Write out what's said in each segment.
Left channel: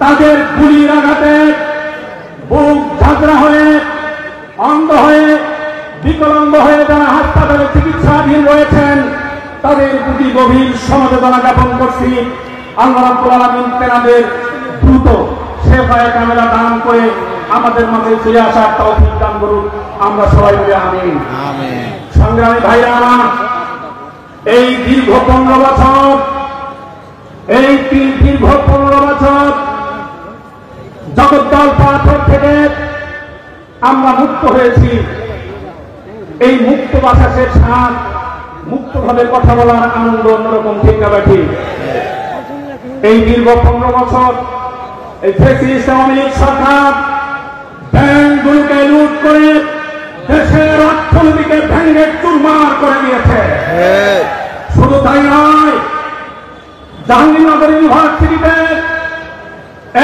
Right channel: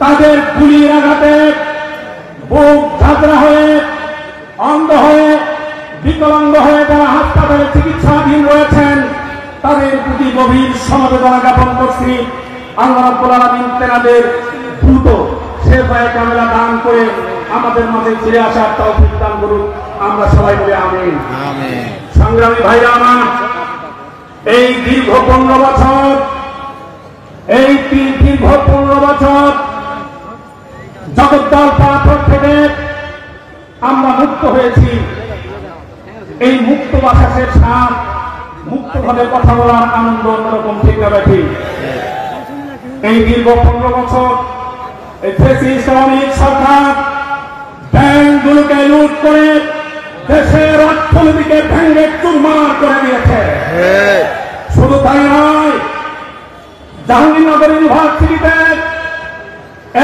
তাদের গুলির আঘাতে বুক ঝাঁকড়া হয়ে অন্ধ হয়ে বিকলাঙ্গ হয়ে যারা হাসপাতালে চিকিৎসাধীন রয়েছেন তাদের প্রতি গভীর সমবেদনা জ্ঞাপন করছি। আল্লাহ রাব্বুল আলামিন তাদের দ্রুত শেফায়ে কামেলা দান করে আমাদের মাঝে ফিরে আসার তৌফিক দান করুন। আমরা সবাই বলি আমিন। আমিন। সংগ্রামী ভাইরা আমার, এই দীর্ঘ 15 বছর জগদ্দল পাথর থেকে আমরা মুক্ত হয়েছি। এই মুক্ত বাতাসের স্বাদ, মুক্তভাবে কথা বলার আনন্দ অন্যরকম, ঠিক না ঠিক? এই দীর্ঘ 15 বছর এই ফ্যাসিস্ট আওয়ামী লীগ সরকার ব্যাংকগুলোকে লুট করে দেশের অর্থনীতিকে ভেঙে চুরমার করে দিয়েছে। শুধু তাই নয়, জাহাঙ্গীরনগর ইউনিভার্সিটিতে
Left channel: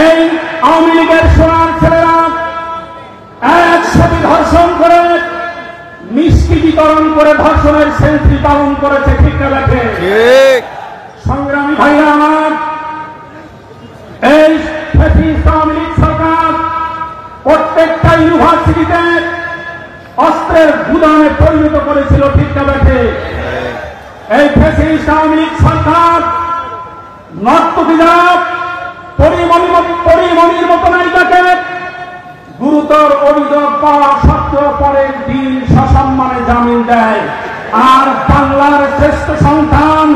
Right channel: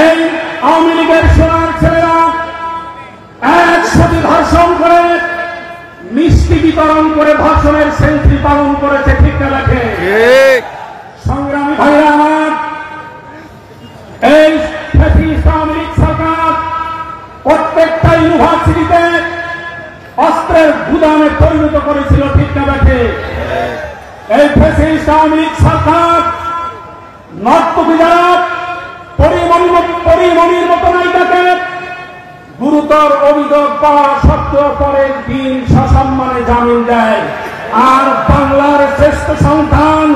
এই আওয়ামী লীগের সোনার ছেলেরা একসাথে ধর্ষণ করে মিষ্টি বিতরণ করে ধর্ষণের সেলফি পালন করেছে, ঠিক না লেখে? সংগ্রামী ভাইরা আমার, এই ফ্যাসিস্ট আওয়ামী লীগ সরকার প্রত্যেকটা ইউনিভার্সিটিতে অস্ত্রের গুদামে পরিণত করেছিল, ঠিক না লেখে? এই ফ্যাসিস্ট আওয়ামী লীগ সরকার নর্তকী যারা পরিমণির মতো নায়িকাকে গুরুতর অভিযোগ পাওয়া সত্ত্বেও পরের দিন সসম্মানে জামিন দেয়। আর বাংলার শ্রেষ্ঠ সন্তান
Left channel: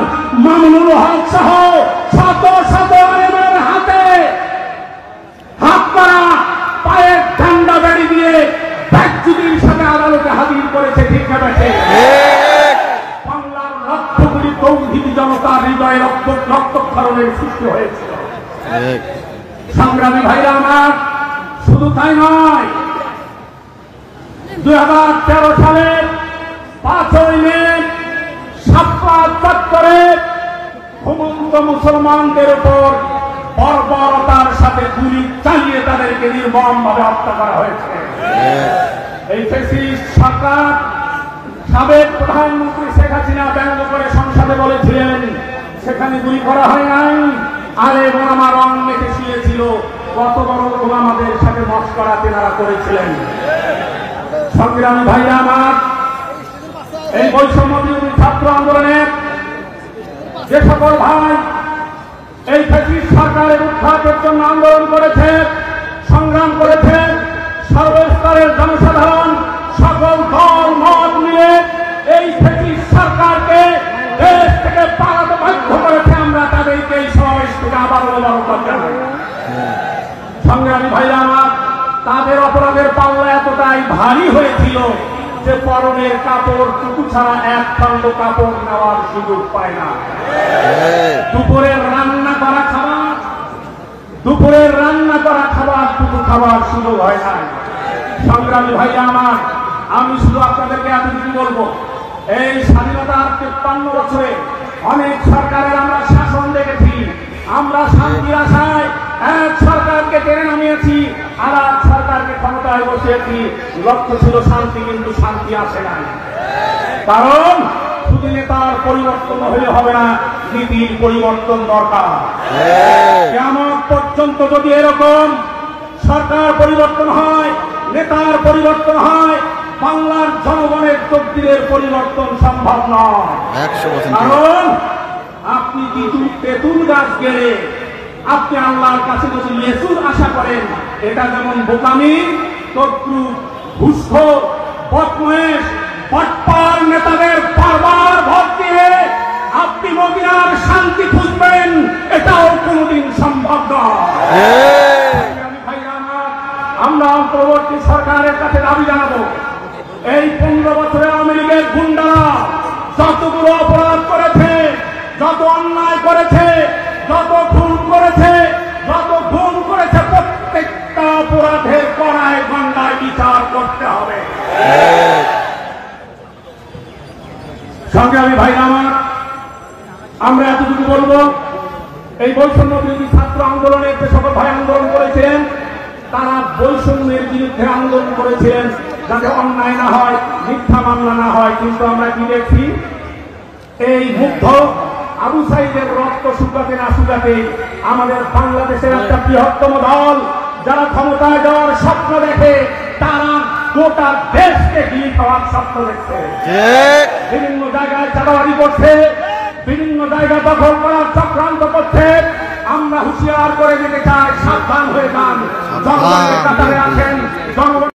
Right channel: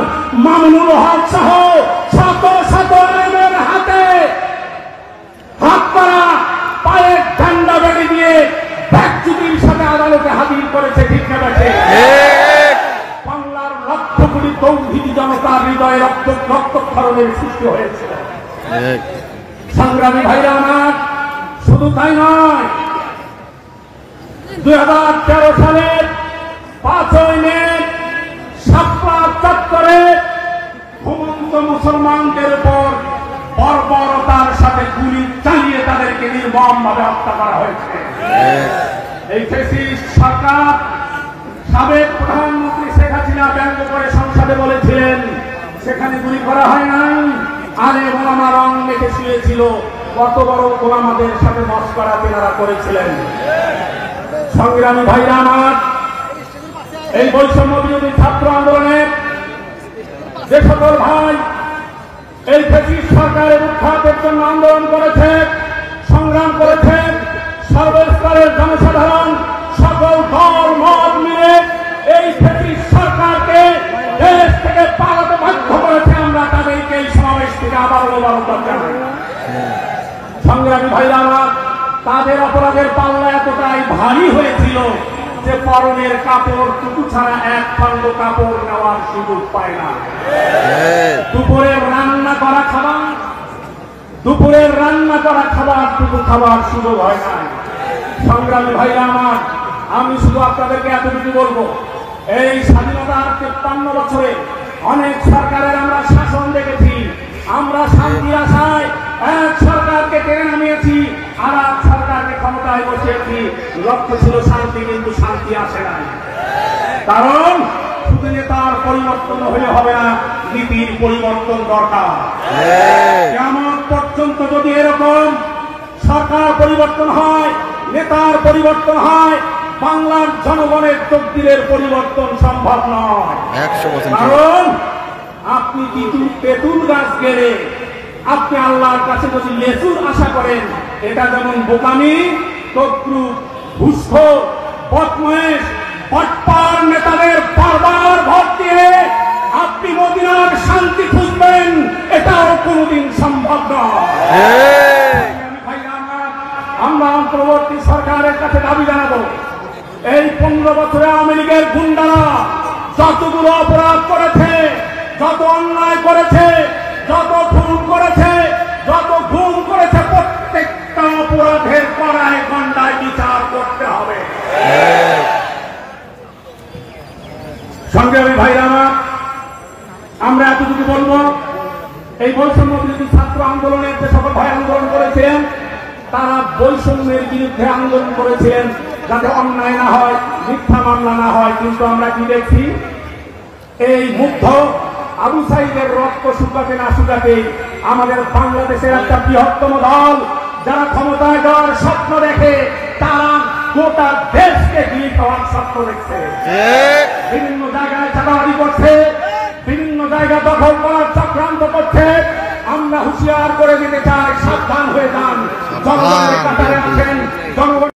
মামুনুল হক সহ শত শত আলেমের হাতে হাত করা পায়ে ঠান্ডা বেড়ি দিয়ে ব্যাগচুরির সাথে আদালতে হাজির করেছে, ঠিক না? বাংলার লক্ষ কোটি তৌহিদি জনতার হৃদয়ে রক্তক্ষরণের সৃষ্টি হয়েছিল। সংগ্রামী ভাইরা আমার, শুধু তাই নয়, 2013 সালের 5ই মে শাপলা চত্বরে ঘুমন্ত মুসলমানদের উপর বর্বরতার সাথে গুলি চালিয়ে তাদেরকে নির্মমভাবে হত্যা করা হয়েছে। এই ফ্যাসিস্ট সরকার সাবেক প্রধানমন্ত্রী শেখ হাসিনা ব্যঙ্গ করে সংসদে বলেছিলেন সেখানে গুলি করা হয় নাই, আলেম ওলামা রং মেখে শুয়েছিল। কত বড় ওলামাদের সাথে মশকরা তেনারা করেছিলেন। সংগ্রামী ভাইরা আমার, এই বৈষম্য বিরোধী ছাত্র আন্দোলনের যে সকল ভাই এই ফ্যাসিস্ট সরকারের উৎখাতের জন্য আন্দোলন করেছে, সংগ্রাম করেছে, সর্বস্তরের জনসাধারণ সকল দল মত মিলে এই ফ্যাসিস্ট সরকারকে দেশ থেকে পালাতে বাধ্য করেছে, আমরা তাদেরকে এই সমাবেশ থেকে আবার মোবারকবাদ জানাই। সংগ্রামী ভাইরা আমার, তাদের অপরাধের পাল্লা এতটাই ভারী হয়েছিল যে পরনের কাপড় টুকু ছাড়া এক খণ্ড কাপড় নেওয়ার সুযোগ পায় না। দুপুরের রান্না করা খাবার টুকু খাবার সুযোগ হয় নাই। সংগ্রামী ভাইরা আমার, আমি শুধু আপনাদেরকে এতটুকু বলবো, এই স্বাধীনতার 53 বছরে অনেক সরকারের আমরা শাসন দেখেছি। আমরা শান্তি আশায় এক সরকারকে টেনে নামিয়েছি, আর এক সরকারকে ক্ষমতায় বসিয়েছি। লক্ষ্য ছিল শান্তি, কিন্তু শান্তি আসে না। কারণ শুধু নেতার পরিবর্তন হলে হবে না, নীতির পরিবর্তন দরকার। কেমন পর্যন্ত যদি এরকম সরকার পরিবর্তন হয়, নেতার পরিবর্তন হয়, বাংলার জনগণের তকদিরের পরিবর্তন সম্ভব নয়। কারণ আপনি তেঁতুল গাছ গেলে আপনি আল্লাহর কাছে যদি লেসুর আশা করেন, এটা যেমন বোকামি, তদ্রুপ ঘুষখোর, বদমাইশ, বাটপার নেতাদের বারবার ভোট দিয়ে আপনি মদিনার শান্তি খুঁজবেন, এটাও কোনদিন সম্ভব নয়। আমরা অন্তর্বর্তী সরকারের কাছে দাবি জানাবো, এই 15 বছরে আওয়ামী লীগের গুন্ডারা যতগুলো অপরাধ করেছে, যত অন্যায় করেছে, যত খুন করেছে, যত গুম করেছে, প্রত্যেকটা অপরাধের কড়ায় গন্ডায় বিচার করতে হবে। সংগ্রামী ভাইরা আমার, আমরা এতটুকু বলবো, এই বৈষম্য বিরোধী ছাত্র আন্দোলনের যে সকল ভাই আন্দোলন করেছিলেন, তারা বৈষম্যের বিরুদ্ধে আন্দোলন করেছিলেন যাতে অন্যায় না হয়, মিথ্যা মামলা না হয়। কিন্তু আমরা কি দেখছি, এই মুগ্ধ আবু সাইদের রক্ত শুকাতে না শুকাতে আমাদের বাংলাদেশের একটা বৃহত্তম দল যারা ক্ষমতায় যাওয়ার স্বপ্ন দেখে, তারা গোটা দেশকে গিয়ে খাওয়ার স্বপ্ন দেখছে। বিভিন্ন জায়গায় চাঁদাবাজি করছে, বিভিন্ন জায়গা দখল করার চক্রান্ত করছে। আমরা হুঁশিয়ার করে দিতে চাই, সাবধান হয়ে যান। জনগণের কাতারে আছেন, জনগণ